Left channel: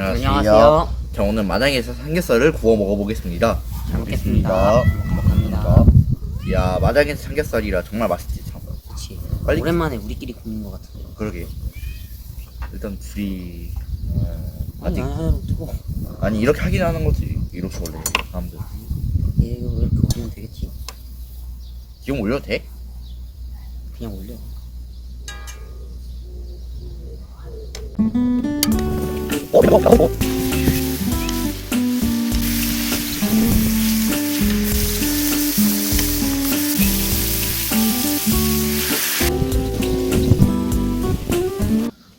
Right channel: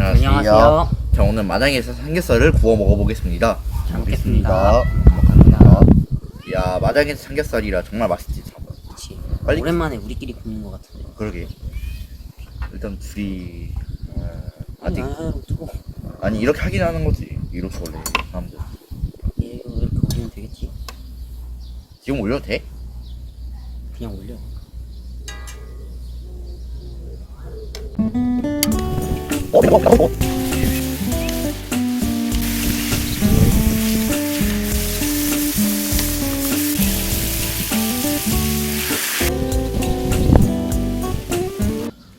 안녕하세요. 자, 오늘 마당에서 삼겹살을 구워 먹어보겠습니다. 잘 먹겠습니다. 먹겠습니다. 야, 마당에서 삼겹살이라 정말 맛있지. 그치. 빨리 오랜만에 우리끼리 굽는 것 같은데. 그러게. 일단 둘이 아니, 아직 하나로 뜨고. 아니 이렇게 하긴 하는 거지. 이렇게 원래 사람들. 이거 이렇게 올리면 되겠지? 지금 올려도 돼? 그냥 올려.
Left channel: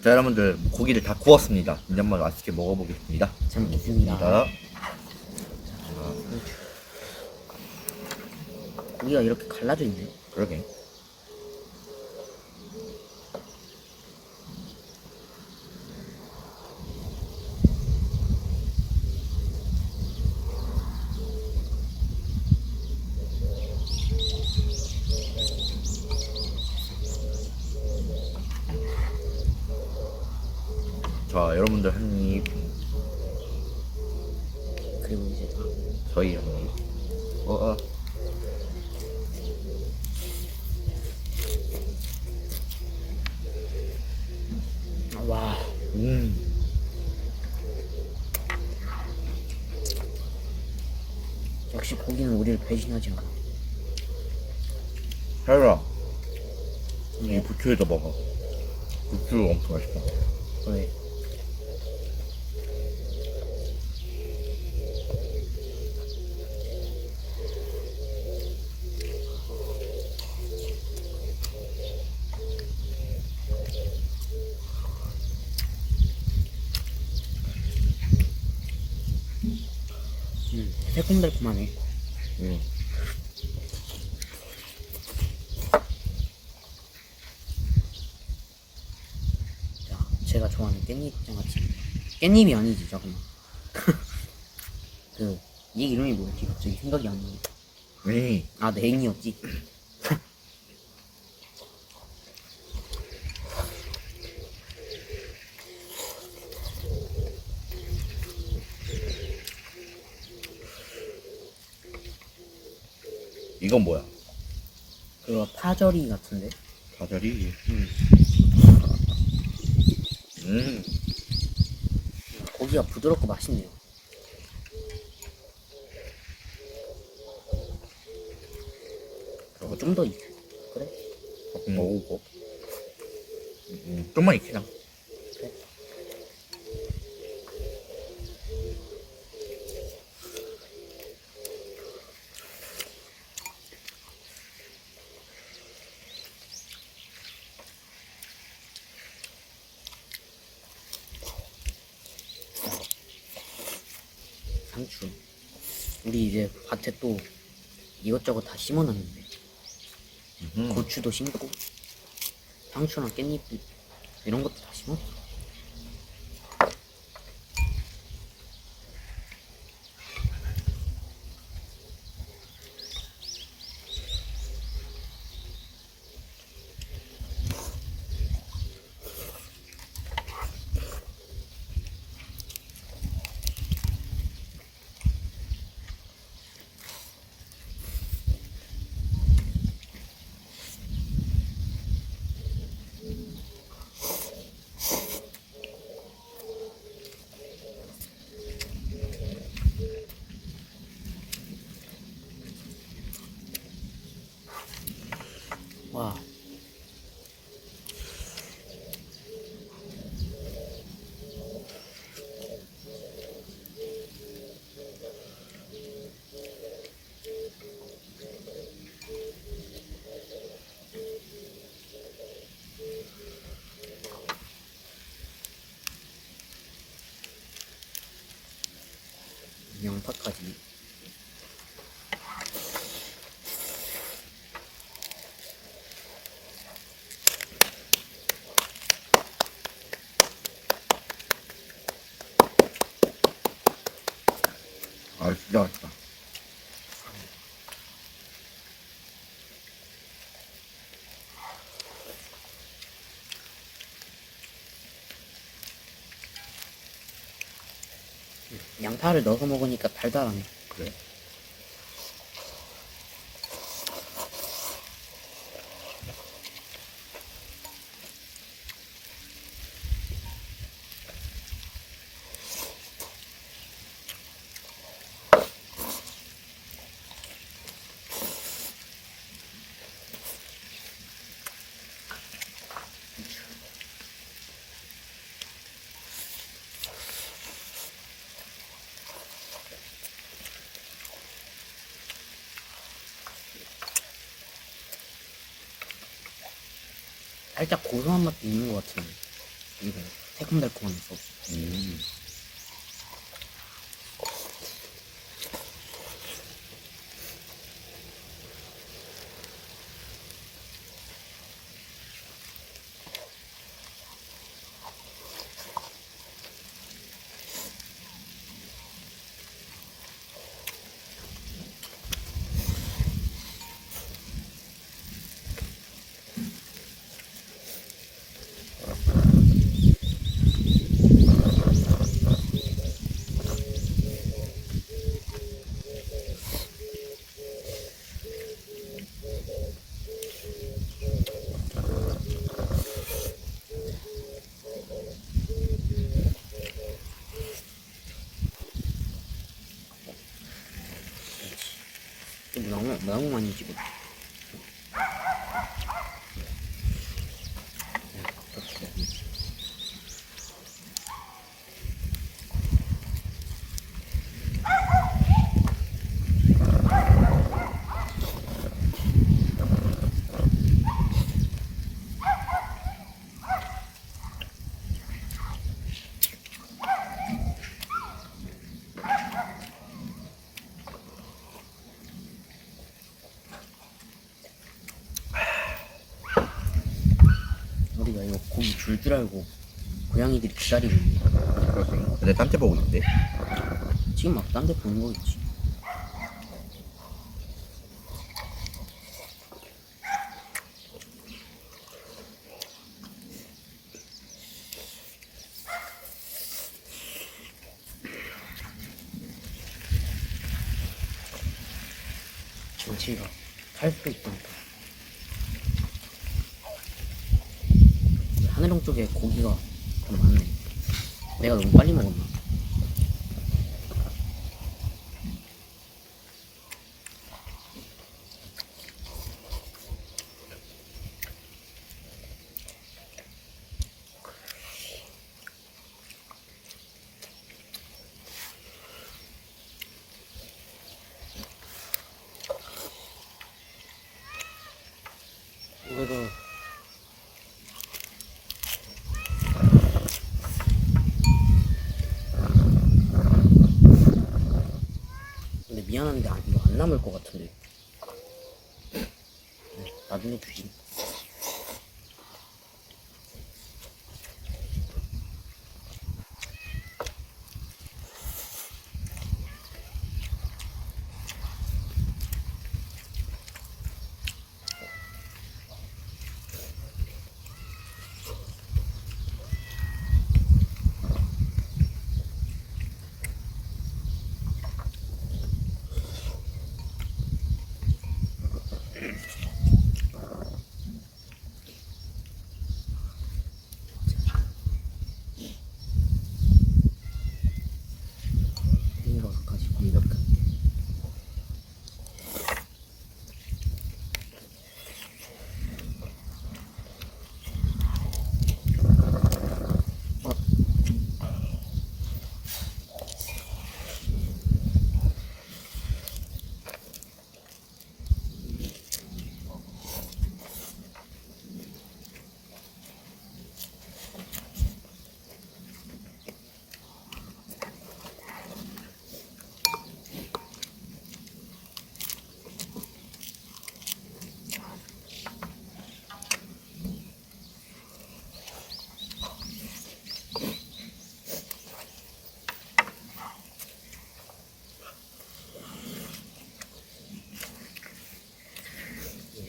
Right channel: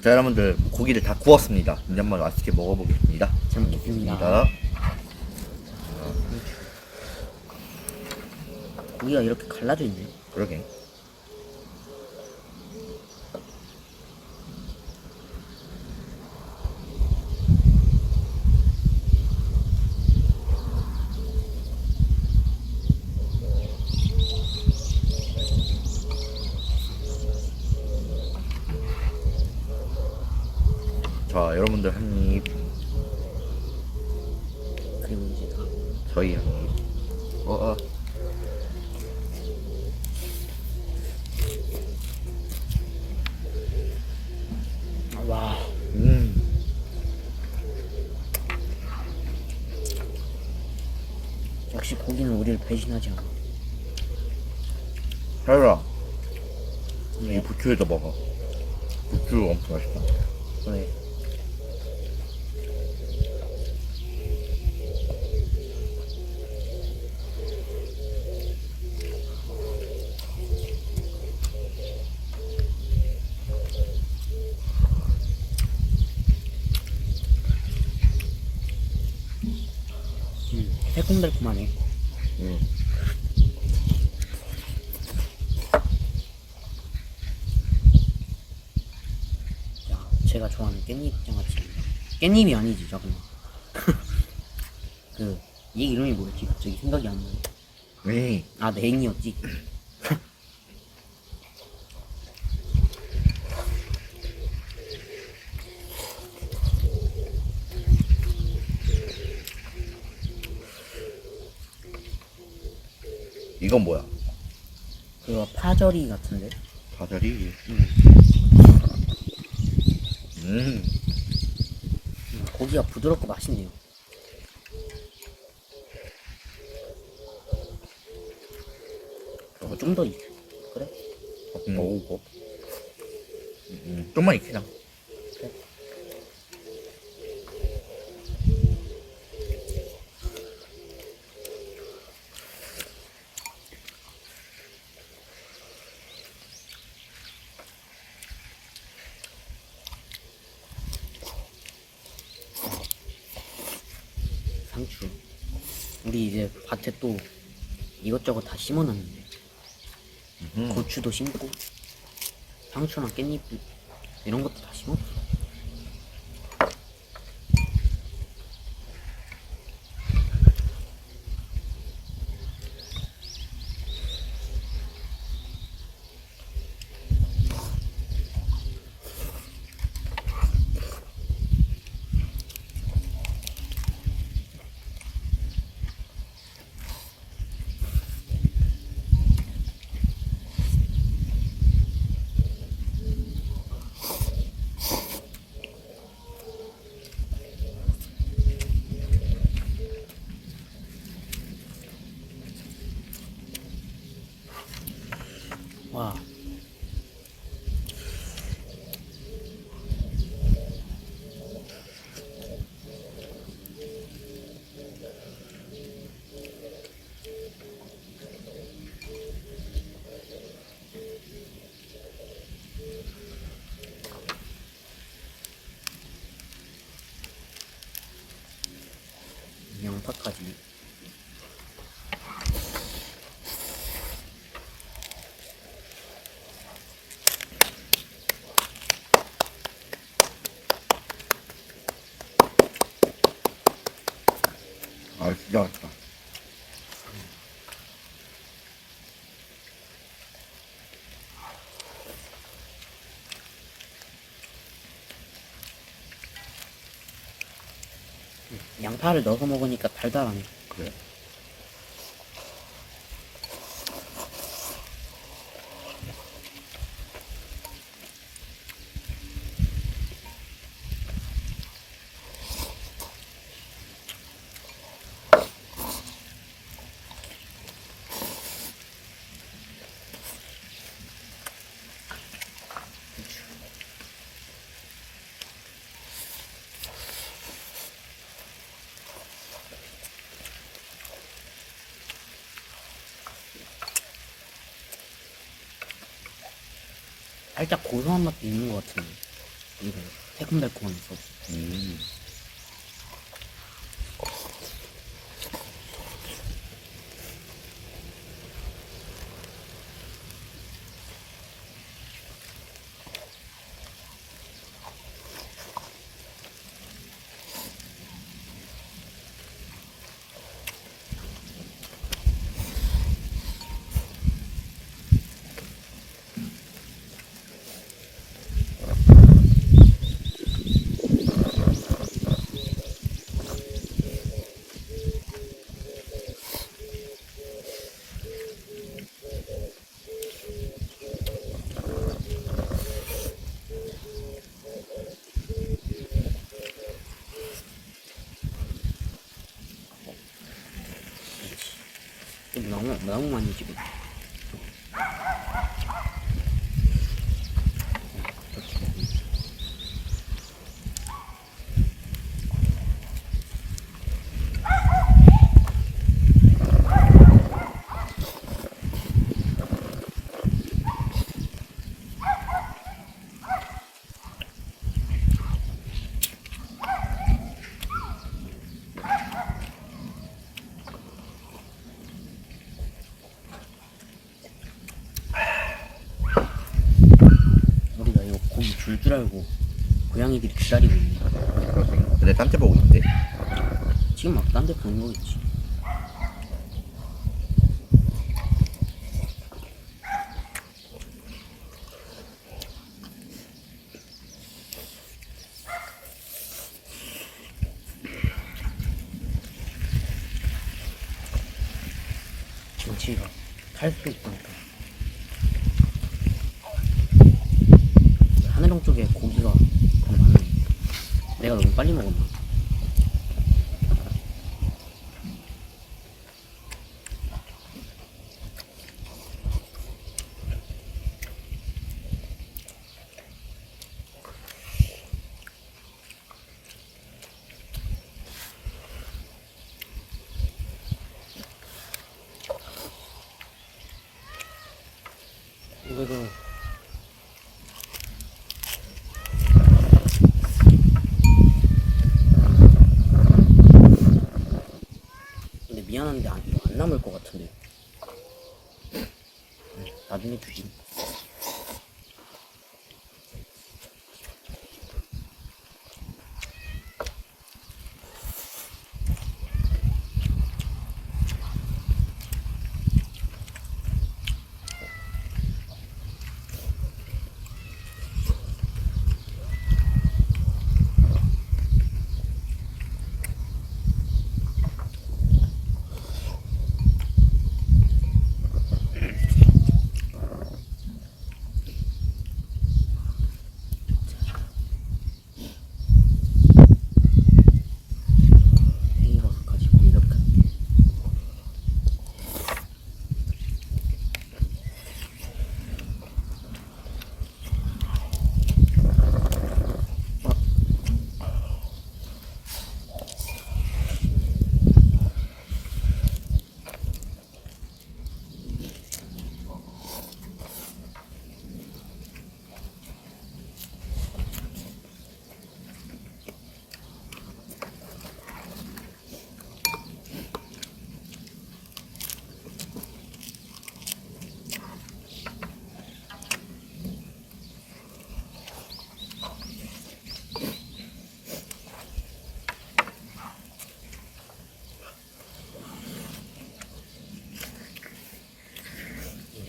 자, 여러분들 고기를 다 구웠습니다. 이제 한번 맛있게 먹어보겠습니다. 잘 먹겠습니다. 고기가 이렇게 갈라져 있네. 그러게. 자, 여러분들 한 입, 그리고 이제 다. 저희 한 입. 와. 역시 고기는 우리를 배신하지 않아. 하율아, 이 왜? 부추에다 먹어. 부추 엄청 맛있다. 왜? 새콤달콤하네. 자, 제가 좋아하는 깻잎 장아찌입니다. 깻잎이 아니지, 잠깐만. 얘 이름이 뭐였지? 갑자기 생각이 안 나네. 네. 아, 냉이었지. 이건 뭐야? 그거 파절이 같은데? 가자리. 고기가 부드럽고 맛있네요. 좀 더 그래? 먹고. 좀만 익히자. 그래. 상추. 우리 이제 밭에 또 이것저것 다 심어놨는데 고추도 심고 상추랑 깻잎 이런 것도 다 심었어. 와. 양파까지. 아, 진짜 맛있다. 양파를 넣어서 먹으니까 달달하네. 그래. 살짝 고소한 맛도 있는 것 같은데. 이거 새콤달콤한 소스. 좀 너무 많이 찍어. 우리가 이거 고기 줄 줄 알고 고양이들이 기다리고 있네. 근데 딴 데 보고 있대. 지금 막 딴 데 보는 거겠지. 정치가 탈 수 있으니까. 하늘홍 쪽에 고기가 더 많네. 내가 너무 빨리 먹었나? 이거도 근데 미안한데 이거 안 남을 것 같은데. 나중에 주지. 팽이버섯까지 공격할게.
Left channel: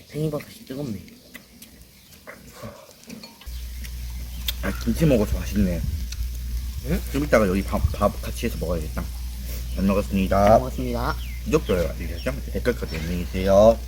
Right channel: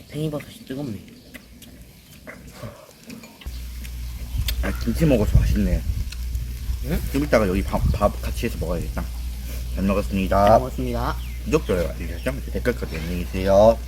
팽이버섯이 뜨겁네. 아, 김치 먹어서 맛있네. 응? 좀 이따가 여기 밥 같이 해서 먹어야겠다. 잘 잘 먹었습니다. 먹었습니다. 구독, 좋아요, 알림 설정, 댓글까지 안녕히 계세요.